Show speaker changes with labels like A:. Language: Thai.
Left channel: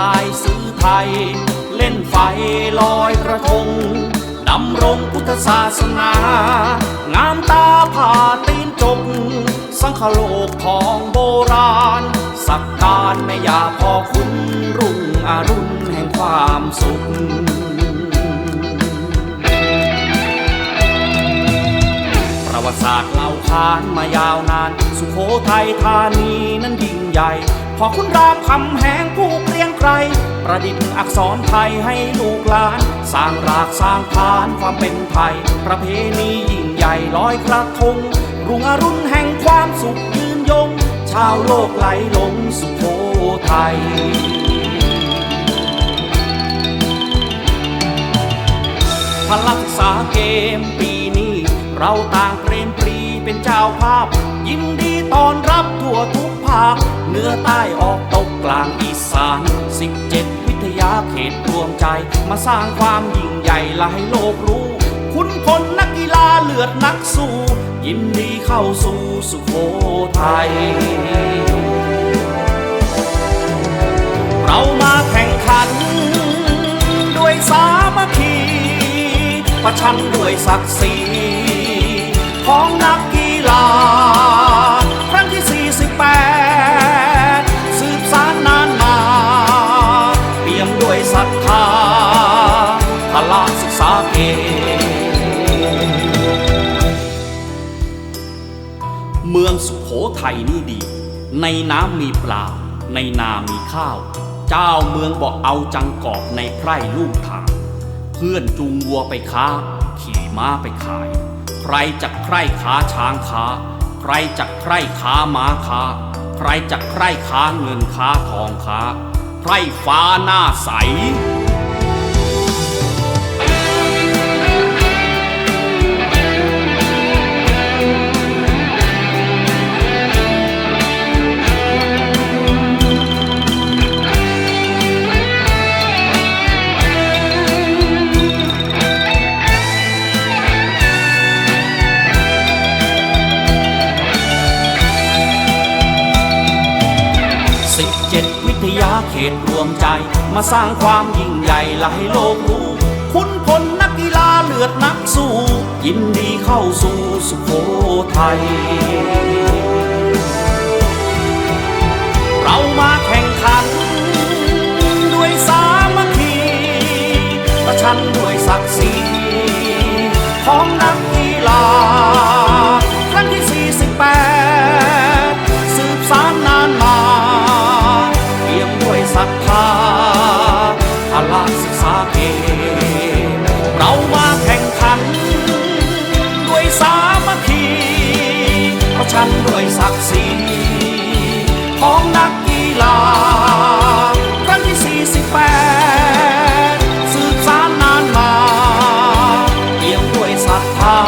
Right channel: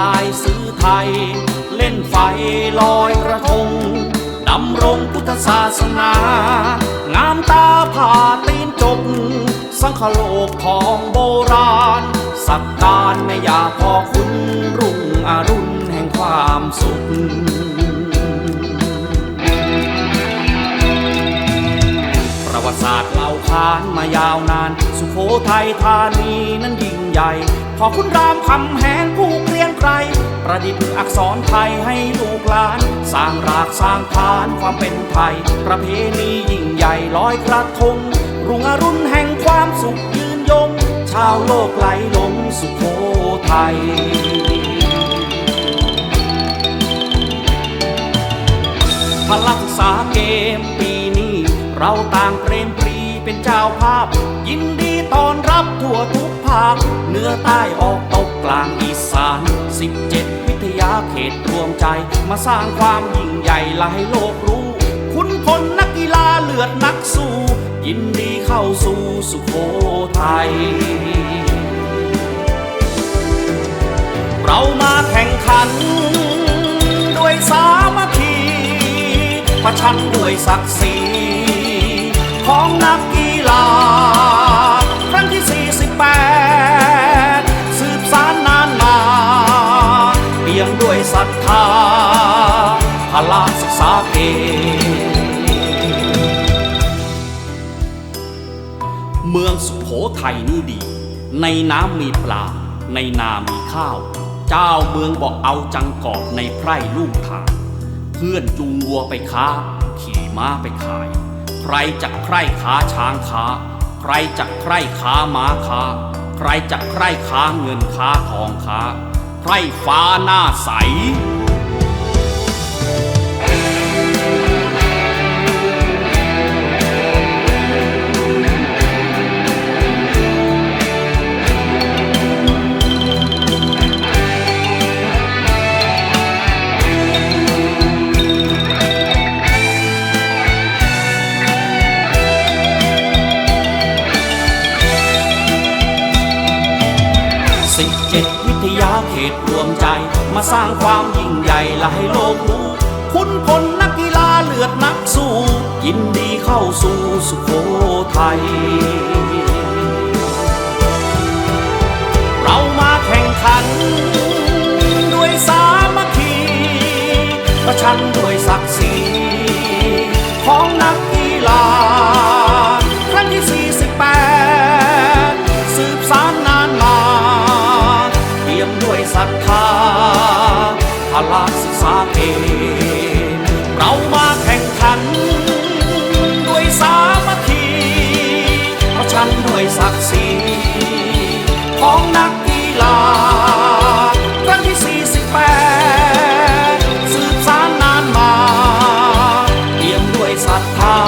A: ลายซื่อไทย เล่นไฟลอยกระทงดำรงพุทธศาสนา งามตาผ่าตีนจกสังคโลกของโบราณ สักการแม่ยาพ่อคุณรุ่งอรุณแห่งความสุขประวัติศาสตร์เล่าขานมายาวนาน สุโขทัยธานีนั้นยิ่งใหญ่ พอคุณรามคำแหงผู้เกรียงไกรประดิษฐ์อักษรไทยให้ลูกหลาน สร้างรากสร้างฐานความเป็นไทย ประเพณียิ่งใหญ่ลอยกระทง รุ่งอรุณแห่งความสุขยืนยง ชาวโลกไหลหลงสุโขทัยพลักศึกษาเกมปีนี้ เราต่างเปรมปรี เป็นเจ้าภาพ ยินดีต้อนรับทั่วทุกภาคเหนือใต้ออกตกกลางอีสาน 17 วิทยาเขตรวมใจ มาสร้างความยิ่งใหญ่และให้โลกรู้ คุณพลนักกีฬาเลือดนักสู้ ยินดีเข้าสู่สุโขทัยเรามาแข่งขัน ด้วยสามัคคีประชันด้วยศักดิ์ศรี ของนักกีฬา ครั้งที่ 48 สืบสานนานมาเปี่ยมด้วยศรัทธาพละศึกษาเกมเมืองสุโขทัยนี่ดี ในน้ำมีปลา ในนามีข้าว เจ้าเมืองบอกเอาจังกอบในไพร่ลูกทาง เพื่อนจูงวัวไปค้า ขี่ม้าไปขาย ใครจะใคร่ค้าช้างค้าใครจะใคร่ค้าม้าค้าใครจะใคร่ค้าเงินค้าทองค้าใครฟ้าหน้าใส สิบเจ็ดวิทยาเขตรวมใจ มาสร้างความยิ่งใหญ่และให้โลกรู้ คุณพลนักกีฬาเลือดนักสู้ ยินดีเข้าสู่สุโขทัย เรามาแข่งขัน ด้วยสามัคคี ประชันด้วยศักดิ์ศรีของนักกีฬา ลาศึกษาเองเรามาแข่งขัน ด้วยสามัคคีประชันด้วยศักดิ์ศรีของนักกีฬาครั้งที่ 48 สืบสานนานมา เตรียมด้วยศรัทธา